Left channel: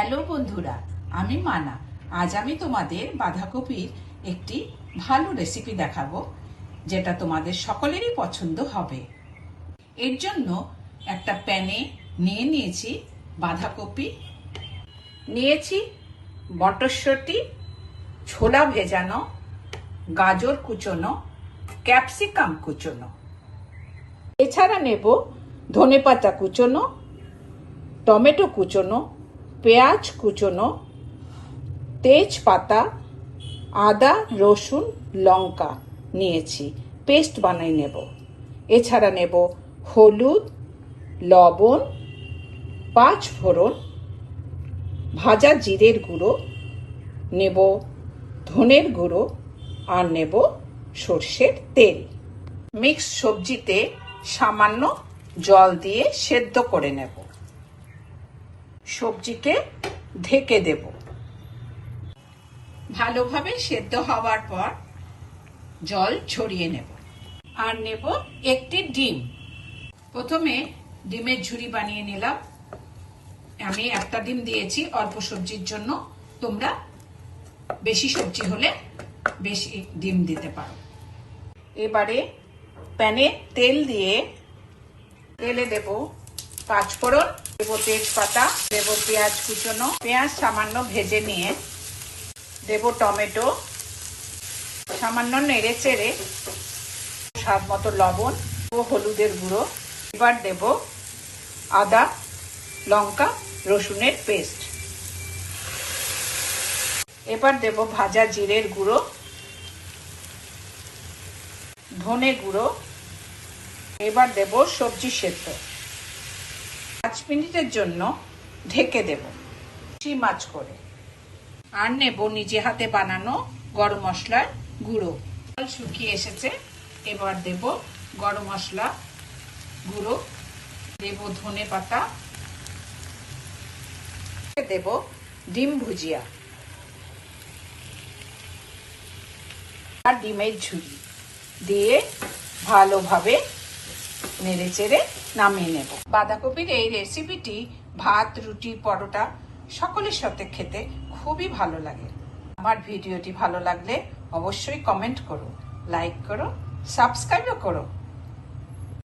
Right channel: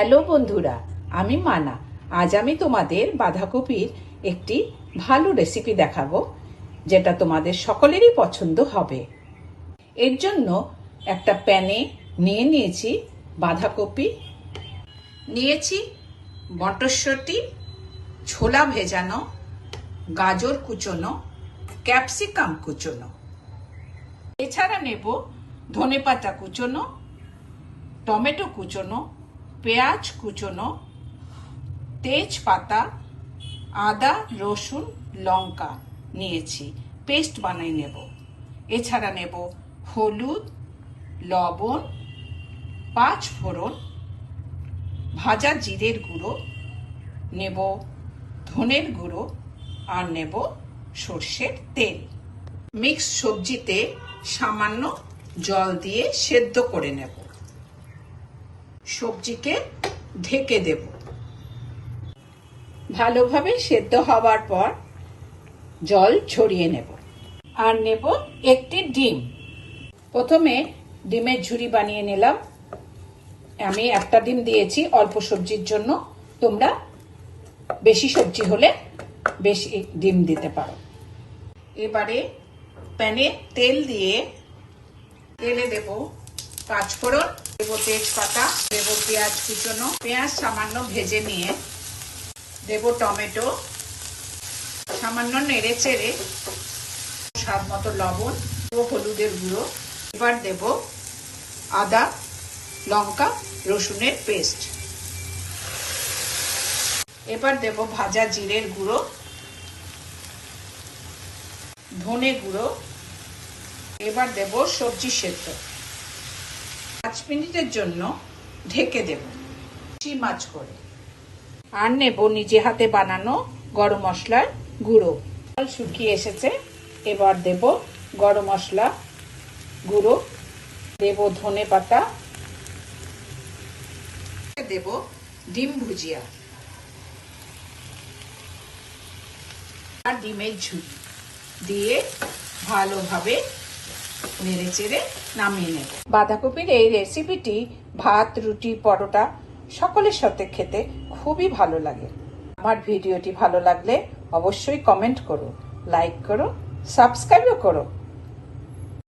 Hello বন্ধুরা, আমি মানা। আজ আমি তোমাদের বাঁধাকপির একটি ভালো রেসিপি দেখাবো, যেটা তোমাদের সকলেরই পছন্দ হবে। এর জন্য একটা প্যানে নিয়েছি বাঁধাকপি, নিয়েছি মটরশুঁটি, ছোলা ভেজানো, গাজর কুচোনো, ক্যাপসিকাম কুচোনো। এছাড়া নেব ধনেপাতা কুচোনো, টমেটো কুচোনো, পেঁয়াজ কুচোনো, তেজপাতা, আদা, রসুন, লঙ্কা নিয়েছি, পেস্ট বানিয়ে নেব। এছাড়া নেব হলুদ, লবণ, 5 ফোড়ন, ভাজা জিরের গুঁড়ো, নেব ধনের গুঁড়ো, আর নেব সর্ষের তেল। মিক্স সবজিতে সামান্য জল দিয়ে সেদ্ধ করে নেব। সবজিকে ঢেকে দেব। ভালোভাবে সেদ্ধ হওয়ার পর জল ছড়িয়ে নেব। আর নেব একটি ডিম। প্রথমে ডিমের ঝুরি বানিয়ে নিলাম। আমি একটা ডিম দিয়েছি অল্প সবজির জন্য, তোমরা বেশি সবজি হলে বেশি ডিম দিতে পারো। এবারে প্যানে তেল দিয়ে তেলে দেব 5 ফোড়ন, দেব তেজপাতা, দেব পেঁয়াজ কুচোনো, পেঁয়াজ সামান্য ভেজে নিয়ে দেব টমেটো, সামান্য নেড়ে চেড়ে স্বাদ মতো লবণ ও হলুদের গুঁড়ো। এবার দেব আদা, লঙ্কা, রসুনের পেস্ট। এবার দেব ভাজা জিরের গুঁড়ো, ধনে গুঁড়ো। এবার দেব সবজি সেদ্ধ। 5 মিনিটের জন্য ঢেকে দেব মাছ করে। আর নেব নিজে হাতে বানানো গরম মশলার গুঁড়ো। জল শুকিয়ে এসেছে, এবার দেব গরম মশলা গুঁড়ো, দেব ধনে পাতা, দেব ডিম ভুজিয়া আর ডিমের ঝুড়ি দিয়ে ভালোভাবে নেড়ে চেড়ে নামিয়ে নেব। বাঁধাকপির এই রেসিপিটি ভাত, রুটি, পরোটা সকলের সাথে খেতে খুবই ভালো লাগে। আমার ভিডিওটি ভালো লাগলে অবশ্যই কমেন্ট করো, লাইক করো, সাবস্ক্রাইবও করো।